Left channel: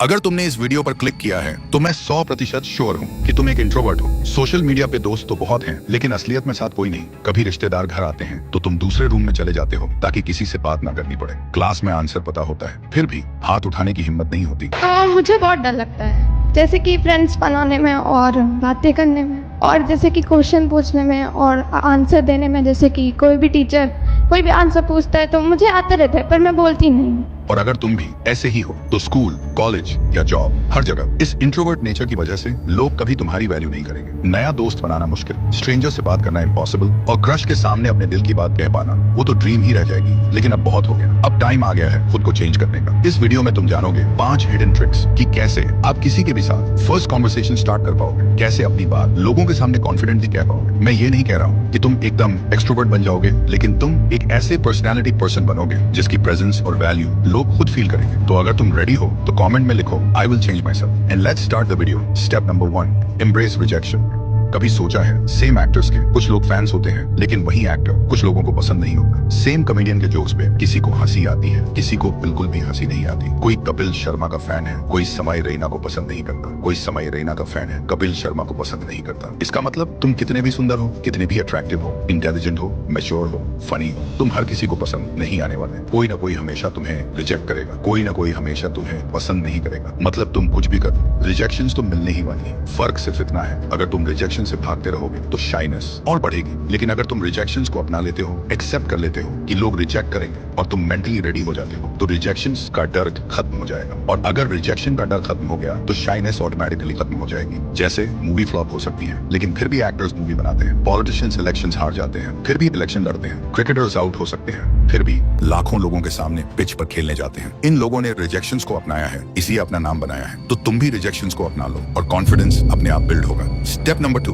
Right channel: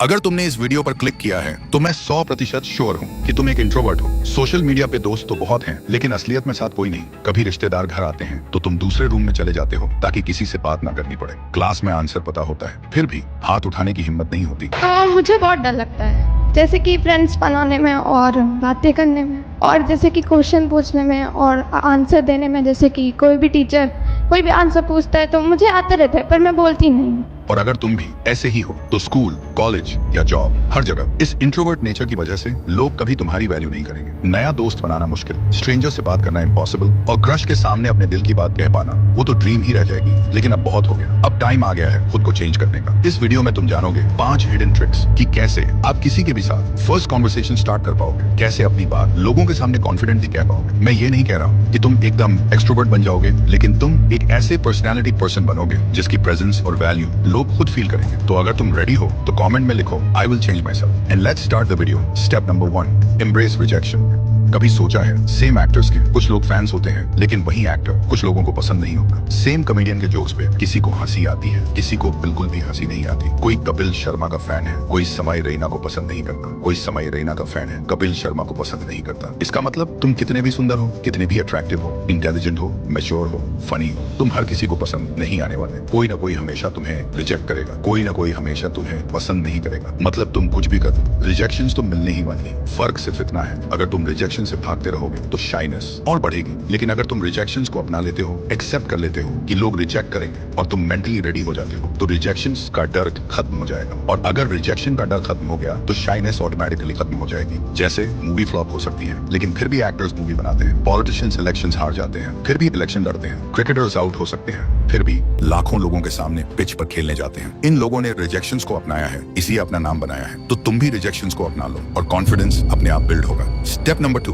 अगर तुमने इस वीडियो पर क्लिक किया है तो मैं 100% श्योर हूँ कि तुम एक इंट्रोवर्ट हो। सोशल मीडिया पे दोस्त तो बहुत हैं, लेकिन असलियत में साथ कोई नहीं। कभी रिश्तेदार घर आते हैं तो तुम दूसरे रूम में चले जाते हो ताकि किसी से बात ना करनी पड़े। क्लास में आंसर पता होता है, फिर भी हाथ उठाने की हिम्मत नहीं होती। मुझे बहुत डर लगता है, जैसे कि फ्रेंड्स बनाने में और बातें करने में, और जैसे कि क्वेश्चन पूछने में और आंसर देने में। जैसे कि कोई भी टीचर कोई भी आंसर पूछता है तो मुझे आते रहता है, पर मैं बोलती नहीं हूँ। और अगर तुम भी ऐसे ही हो तो स्कूल, कॉलेज या जॉब, हर जगह इस इंट्रोवर्ट नेचर की वजह से लोग कभी तुम्हारी वैल्यू नहीं करेंगे। नया दोस्त बनाना मुश्किल, स्ट्रेंजर से बात करना इम्पॉसिबल, और क्रश के सामने अपने दिल की बात कह पाना वो तो ड्रीम ही रह जाएगी। लेकिन अब बहुत हो गया, अब टाइम आ गया है खुद को चेंज करने का। इस वीडियो में तुम जानोगे 5 हिडन ट्रिक्स कि कैसे आप किसी के भी साथ फर्स्ट कॉन्वर्सेशन स्टार्ट कर पाओगे, कैसे अपनी बात लोगों के सामने कॉन्फिडेंटली कह पाओगे। मैं ये नहीं कह रहा हूँ कि तुम एकदम एक्सट्रोवर्ट बन जाओगे, लेकिन तुम एक ऐसे पर्सनैलिटी पर्सन बनोगे जिसकी प्रेजेंस और वैल्यू लोग खुद फील करेंगे। तो अगर तुम रेडी हो तो कमेंट में लिखो I will change my self. And let's start the video. Step number 1, embrace rejection. कभी सोचा है सेम एक्टर्स के कुछ लोग फैंस होते हैं, लेकिन वही एक्टर कुछ लोगों को पसंद नहीं होता। सेम कॉमेडियन के जोक्स पे किसी को हंसी आती है, किसी को बिल्कुल भी हंसी नहीं आती। कोई कपिल शर्मा का फैन है, कोई समय रैना को पसंद नहीं करता। कोई समय रैना का फैन है, कपिल शर्मा को पसंद नहीं करता। इसका मतलब तुम कितने भी सुंदर हो, कितने भी अट्रैक्टिव हो, इंटेलिजेंट हो, मैच्योर हो, फनी हो, तुम हर किसी को पसंद नहीं आने वाले। कोई ना कोई हमेशा तुम्हें रिजेक्ट करेगा, कोई ना कोई हमेशा तुम्हें पसंद नहीं करेगा। मतलब तुम कुछ भी करो, रिजेक्शन तो मिलने ही वाली है। फर्क सिर्फ इतना है, अगर तुम रिजेक्शन से भागते रहोगे तो शाइनेस और बढ़ेगी, लेकिन अगर तुम रिजेक्शंस को अपना लेते हो, एक्सेप्ट कर लेते हो कि लोग रिजेक्ट करेंगे, और तुम मेंटली रेडी हो जाते हो, तो रिजेक्शंस का डर खत्म हो जाएगा। और अगर रिजेक्शन का डर खत्म हो गया तो शाइनेस ऑटोमेटिकली खत्म हो जाएगी। जैसे मूवी फ्लॉप हो सकती है, लेकिन फिर भी एक्टर्स मूवी बनाते हैं। पॉलिटिशियंस इलेक्शंस हार जाते हैं, फिर भी इलेक्शन लड़ते हैं। क्रिकेटर्स आउट हो सकते हैं, फिर भी लाखों लोगों के सामने पिच पर खेलने जाते हैं। इन लोगों ने रिजेक्शंस को अपनाया है, इसी अपना नाम बनाया है। तो तुम भी रिजेक्शंस को अपना लो और कॉन्फिडेंस अपने आप बिल्ड होगा। Step number 2,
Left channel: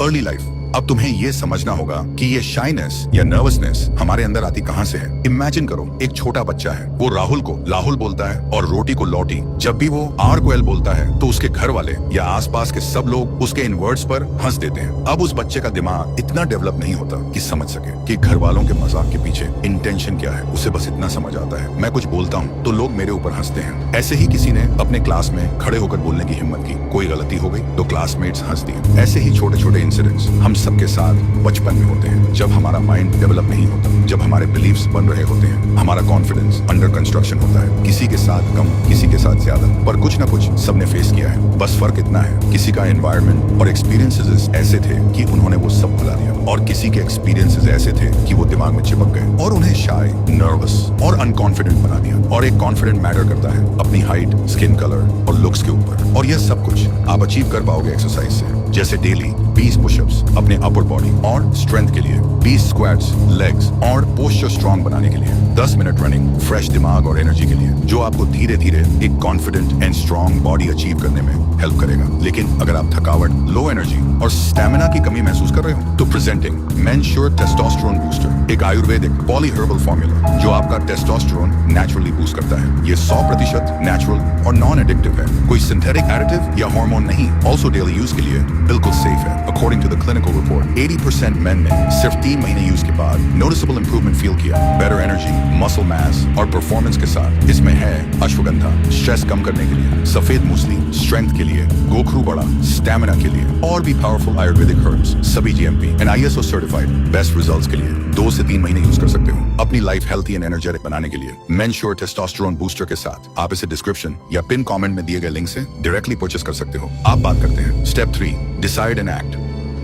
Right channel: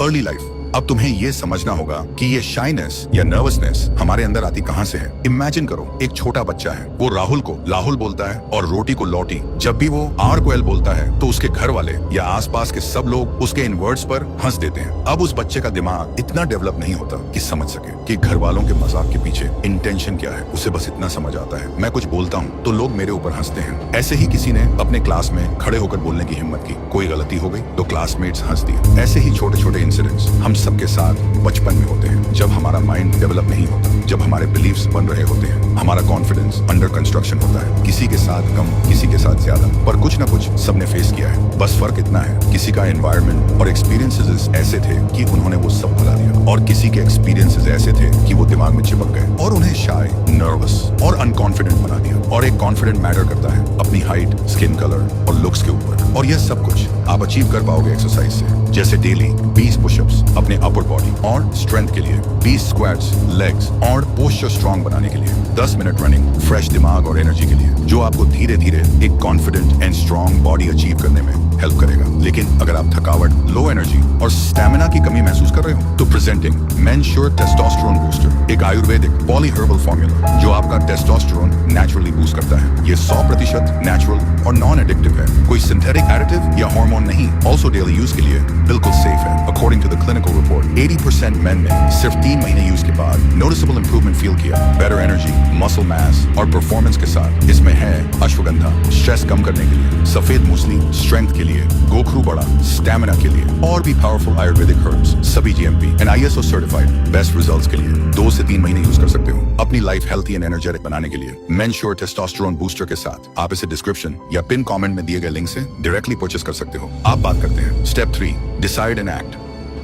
early life. अब तुम्हें ये समझना होगा कि ये शाइनेस या नर्वसनेस हमारे अंदर आती कहां से है। इमेजिन करो, एक छोटा बच्चा है, वो राहुल को लाहुल बोलता है और रोटी को लौटी। जब भी वो आर को एल बोलता है तो उसके घर वाले या आसपास के सब लोग उसके इन वर्ड्स पर हंस देते हैं। अब उस बच्चे का दिमाग इतना डेवलप नहीं होता कि समझ सके कि घर वालों के मजाक के पीछे इंटेंशन क्या है। उसे बस इतना समझ आता है, मैं कुछ बोलता हूँ तो लोग मेरे ऊपर हंसते हैं। ऐसे ही किसी ने अपने क्लास में खड़े होकर बोलने की हिम्मत की, कोई गलती हो गई तो क्लासमेट्स हंस दिए। ऐसे ही छोटे छोटे इंसिडेंट्स हम सबके साथ बचपन में होते हैं, जब हमारा माइंड डेवलप नहीं होता, जब हमारे बिलीफ्स बन रहे होते हैं, हमारा कॉन्फिडेंस अंडर कंस्ट्रक्शन होता है। किसी के साथ कम, किसी के साथ ज्यादा, पर कुछ ना कुछ सबने फेस किया है। बस फर्क इतना है, किसी का एनवायरनमेंट और एक्सपीरियंसेस ऐसे थे कि उन्होंने वो सब भुला दिया, और किसी के एक्सपीरियंसेस ऐसे थे कि वो दिमाग में चिपक गए और उन्हें शाय, नर्वस और अनकॉन्फिडेंट बना दिया। और एक कॉन्फिडेंट मैटर करता है अपनी हाइट, स्किन कलर और लुक्स के ऊपर। और यह सब कुछ आप अचीव कर पाओगे एक्सरसाइज से, जैसे डेली 20 पुशअप्स अपने अपर बॉडी और स्ट्रेंथ के लिए, 20 स्क्वाट्स लेग्स और पोस्चर स्ट्रांग बनाने के लिए, 10 मिनट रनिंग फ्रेश दिमाग और एनर्जी के लिए, जो आपको धीरे धीरे एक confident and strong body achieve करने में हेल्प करेगा। लेकिन अगर आप थकावट, लो एनर्जी और स्टैमिना की कमी महसूस कर रहे हो तो प्रेजेंटिंग मेंश्योर टेस्टोस्टेरोन बूस्टर, एक आयुर्वेदिक पॉली हर्बल फॉर्मूला जो आपका टेस्टोस्टेरोन नेचुरली बूस्ट करता है। ये 100% नेचुरल और नॉन एडिक्टिव है, कोई सिंथेटिक एडिटिव या हार्मोन नहीं। ऑल्सो डेली यूज के लिए बिल्कुल सेफ है। According to the clinical report 80% men ने सिर्फ 3 महीने यूज के बाद नोटिसेबल इंप्रूवमेंट फील किया। बेटर एनर्जी, मसल मास और परफॉर्मेंस के साथ इसमें है अश्वगंधा, स्ट्रेस कम करने के लिए, सफेद मूसली स्ट्रेंथ के लिए, गोखरू बड़ा स्टैमिना के लिए, और भी पावरफुल आयुर्वेदिक हर्ब्स, सभी GMP and ISO certified. Best results के लिए 2 से 3 महीने यूज कर सकते हो। अपनी लाइफ हेल्थी एंड एनर्जेटिक बनाने के लिए मेंश्योर टेस्टोस्टेरोन बूस्टर के साथ आप इसे डिस्क्रिप्शन या पिन कमेंट में दिए गए लिंक से डायरेक्टली परचेस कर सकते हो। आप बात करते हैं step 3, decide and act.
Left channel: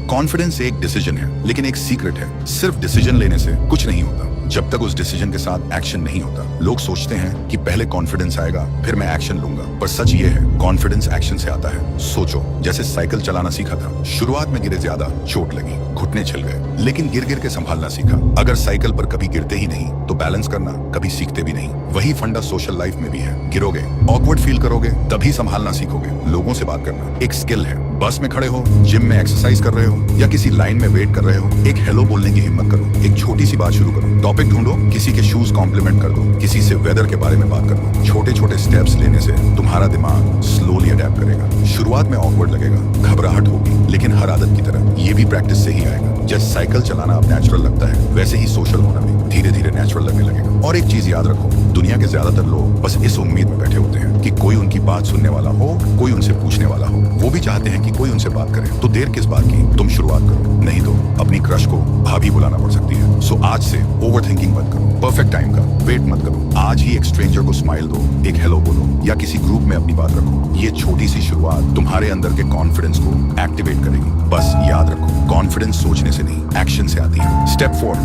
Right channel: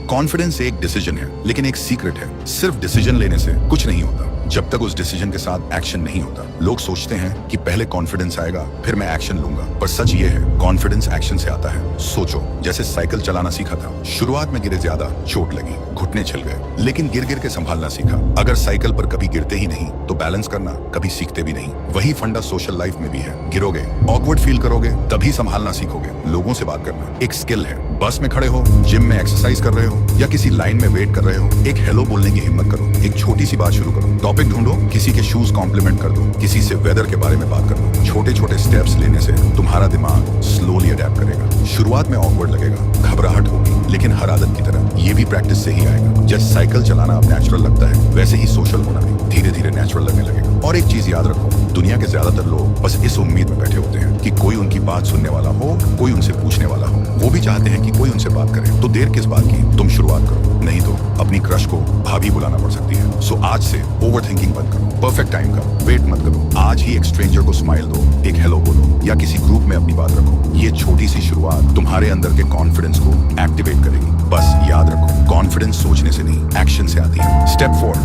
Confidence एक डिसीजन है, लेकिन एक सीक्रेट है। सिर्फ डिसीजन लेने से कुछ नहीं होता जब तक उस डिसीजन के साथ एक्शन नहीं होता। लोग सोचते हैं कि पहले कॉन्फिडेंस आएगा फिर मैं एक्शन लूंगा, पर सच ये है कॉन्फिडेंस एक्शन से आता है। सोचो, जैसे साइकिल चलाना सीखा था, शुरुआत में गिरे ज्यादा, चोट लगी, घुटने छिल गए, लेकिन गिर गिर के संभालना सीखा। अगर साइकिल पर कभी गिरते ही नहीं तो बैलेंस करना कभी सीखते भी नहीं। वही फंडा सोशल लाइफ में भी है। गिरोगे, ऑकवर्ड फील करोगे, तभी संभालना सीखोगे। लोगों से बात करना एक स्किल है। बस में खड़े हो, जिम में एक्सरसाइज कर रहे हो या किसी लाइन में वेट कर रहे हो, एक हेलो बोलने की हिम्मत करो। एक छोटी सी बात शुरू करो, टॉपिक ढूंढो, किसी के शूज कॉम्प्लीमेंट कर दो, किसी से वेदर के बारे में बात कर दो। छोटे छोटे स्टेप्स लेने से तुम्हारा दिमाग स्लोली अडेप्ट करेगा। शुरुआत में ऑकवर्ड लगेगा, घबराहट होगी, लेकिन हर आदत की तरह ये भी प्रैक्टिस से ही आएगा। जैसे साइकिल चलाना अब नेचुरल लगता है, वैसे ही सोशल होना भी धीरे धीरे नेचुरल लगने लगेगा। और एक चीज याद रखो, दुनिया के ज्यादातर लोग बस इस उम्मीद में बैठे होते हैं कि कोई उनकी बात सुनने वाला हो, कोई उनसे पूछने वाला हो। वो भी चाहते हैं कि कोई उनसे बात करे। तो देर किस बात की, तुम शुरुआत करो, नहीं तो अपनी क्रश को भाभी बुलाना पड़ सकती है। सो आज से ओवर थिंकिंग बंद करो, परफेक्ट टाइम का वेट मत करो। आज ही एक स्ट्रेंजर को स्माइल दो, एक हेलो बोलो या किसी ग्रुप में अपनी बात रखो। ये छोटी सी शुरुआत तुम्हारे अंदर के कॉन्फिडेंस को एक्टिवेट करेगी। बस याद रखो, कॉन्फिडेंस सोचने से नहीं, एक्शन से आती है। Step 4,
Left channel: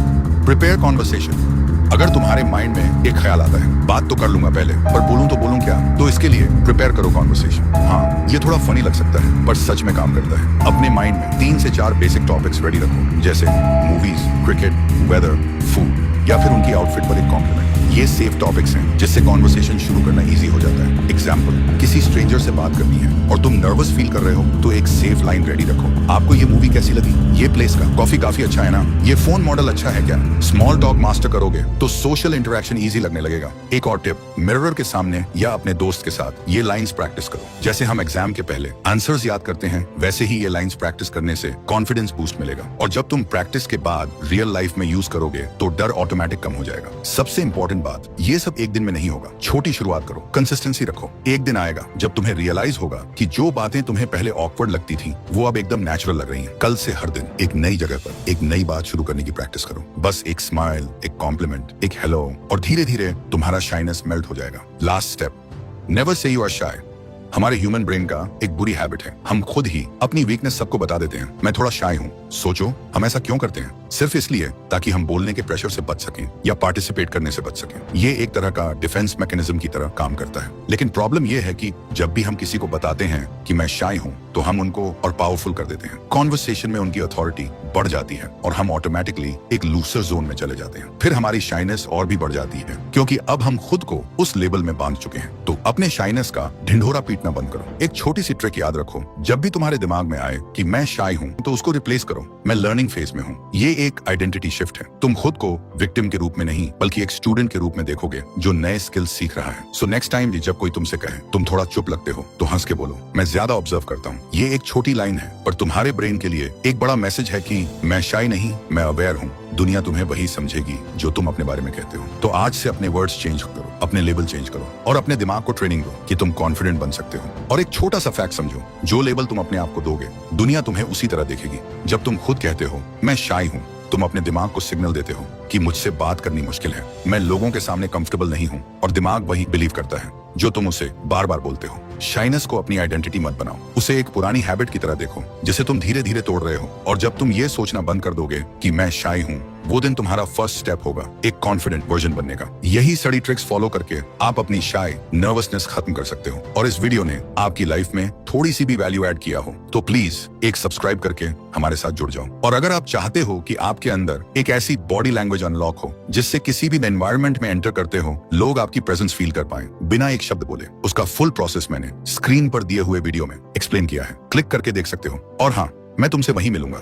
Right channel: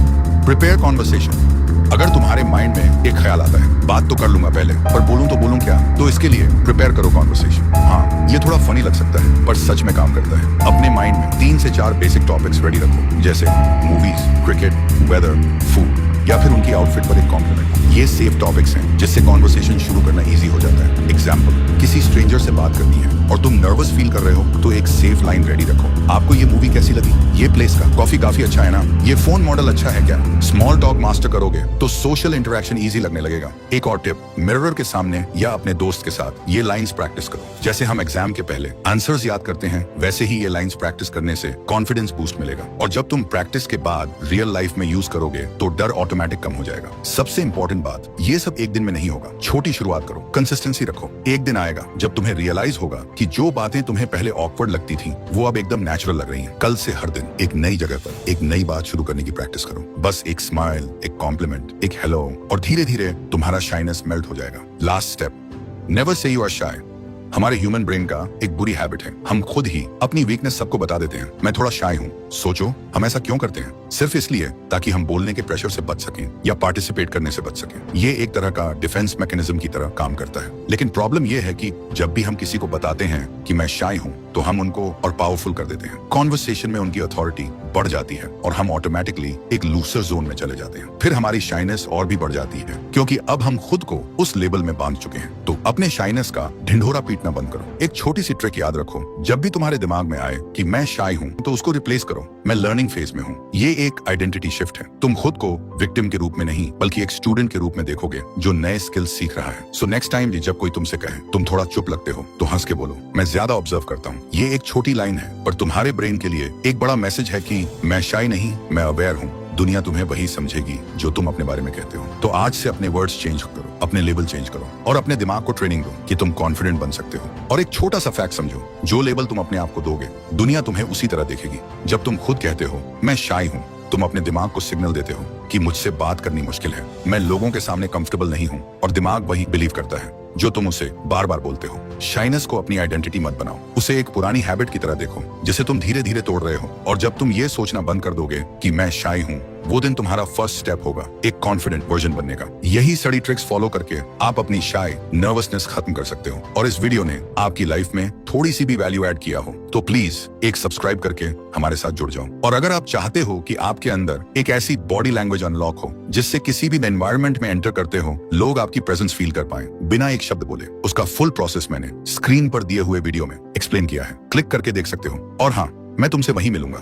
prepare conversation. अगर तुम्हारे माइंड में एक ख्याल आता है, बात तो कर लूंगा पहले, पर बोलूं तो बोलूं क्या, तो इसके लिए प्रिपेयर करो कॉन्वर्सेशन। हाँ, ये थोड़ा फनी लग सकता है, पर सच में काम करता है। अपने माइंड में 3 से 4 बेसिक टॉपिक्स रेडी रखो, जैसे मूवीज, क्रिकेट, वेदर, फूड या फिर उनकी आउटफिट पर एक कॉम्प्लीमेंट। ये सेफ टॉपिक्स हैं जिससे कॉन्वर्सेशन शुरू करना इजी हो जाता है। एग्जाम्पल, किसी स्ट्रेंजर से बात करनी है और तुम नर्वस फील कर रहे हो, तो एक सेफ लाइन रेडी रखो। आपको ये मूवी कैसी लगी? ये प्लेस का कॉफी काफी अच्छा है ना? ये फोन मॉडल अच्छा है क्या? स्मॉल टॉक मास्टर करोगे तो सोशल इंटरेक्शन इजी लगने लगेगा। एक और टिप, मिरर के सामने या अपने दोस्त के साथ ये लाइंस प्रैक्टिस करो। जैसे हम एग्जाम के पहले आंसर्स याद करते हैं, वैसे ही ये लाइंस प्रैक्टिस करने से कॉन्फिडेंस बूस्ट मिलेगा। और जब तुम प्रैक्टिस के बाद रियल लाइफ में यूज करोगे तो डर ऑटोमेटिक कम हो जाएगा। सबसे इंपॉर्टेंट बात, ये सब एक दिन में नहीं होगा। छोटी शुरुआत करो, कंसिस्टेंसी रखो। एक दिन आएगा जब तुम्हें रियलाइज होगा कि जो बातें तुम्हें पहले ऑकवर्ड लगती थी वो अब एकदम नेचुरल लग रही हैं। कल से हर दिन एक नई जगह पर एक नई बात शुरू करने की प्रैक्टिस करो। बस एक स्माइल, एक कॉम्प्लीमेंट, एक हेलो, और धीरे धीरे तुम्हारा शाइनेस मेल्ट हो जाएगा। Last step, never say you are shy. हमारे ह्यूमन ब्रेन का एक बुरी हैबिट है, हम खुद ही अपनी वीकनेस सबको बता देते हैं। मैं थोड़ा शाय हूँ। सोचो, हम ऐसा क्यों करते हैं? सिर्फ इसलिए ताकि हम बोलने के प्रेशर से बच सकें या पार्टिसिपेट करने से बच सकें। ये एक तरह का डिफेंस मैकेनिज्म की तरह काम करता है। लेकिन प्रॉब्लम ये है कि जब भी हम किसी को बताते हैं कि मैं शाय हूँ, तो हम उनको और पावरफुल कर देते हैं। कॉन्वर्सेशन में उनकी अथॉरिटी बढ़ जाती है और हम ऑटोमेटिकली एक लूसर जोन में चले जाते हैं। फिर हमारी शाइनेस और भी बढ़ जाती है, क्योंकि अब हम खुद को उस लेवल में बांध चुके हैं। तो अपने शाइनेस का ढिंढोरा पीटना बंद करो। एक छोटी सी ट्रिक याद रखो, जब भी तुम्हारे दिमाग में आए कि मैं शाय हूँ, तो उसको रिप्लेस करो, मैं लर्निंग फेज में हूँ। ये एक आइडेंटिटी शिफ्ट है। तुम खुद को विक्टिम के रूप में नहीं, बल्कि एक स्टूडेंट के रूप में देखोगे जो नए स्किल्स सीख रहा है। सो नेक्स्ट टाइम जब कोई तुमसे कहे तुम थोड़ा चुप लगते हो, तो हंस के बोलो, मैं ज्यादा ऑब्जर्व करता हूँ। ये एक छोटी लाइन है, पर तुम्हारे ब्रेन के लिए एक बड़ा मैसेज है कि मैं शाय नहीं, मैं अवेयर हूँ। दुनिया तुम्हें वही समझेगी जो तुम अपने बारे में कहते हो। तो आज से अपने वर्ड्स चेंज करो, अपने लेबल चेंज करो और अपने दिमाग को ट्रेनिंग दो कि तुम कॉन्फिडेंट बन सकते हो। और एक छोटा सा फैक्ट समझो, जो लेबल तुम अपने आप को दोगे, दुनिया तुम्हें उसी तरह देखेगी। जब तुम खुद कहते हो मैं शाय हूँ, तुम अपने दिमाग को सिग्नल देते हो कि मुझसे बात करनी मुश्किल है, मैं लोगों के सामने कंफर्टेबल नहीं हूँ, और दिमाग वही बिलीव करता है जो तुम उसे बार बार बोलते हो। शाइनेस को अपनी आइडेंटिटी मत बनाओ, उसे एक पुरानी हैबिट की तरह देखो जिसे तुम धीरे धीरे तोड़ रहे हो। और जब तुम ये सोचना बंद कर दोगे कि मैं शाय हूँ, वो दिन तुम्हारा फर्स्ट स्टेप होगा एक कॉन्फिडेंट वर्जन बनने का। यही सड़ी ट्रिक्स फॉलो करके आप अपनी शाय नर्वसनेस खत्म कर सकते हो। और इस वीडियो ने आपकी लाइफ में थोड़ी सी भी वैल्यू ऐड किया हो, तो प्लीज एक सब्सक्राइब करके हमारे साथ जुड़ जाओ। और अगर आप चाहते हो कि आपके अंदर एक ऐसी बॉडी लैंग्वेज अनलॉक हो जिससे किसी भी एनवायरनमेंट में एंटर करते हो लोग आपकी प्रेजेंस फील कर पाए बिना एक शब्द बोले, उसका फुल प्रोसेस मैंने स्क्रीन पर दिए हुए वीडियो में एक्सप्लेन किया है। क्लिक करके देख सकते हो। और हाँ, मैं तुमसे वहीं मिलूंगा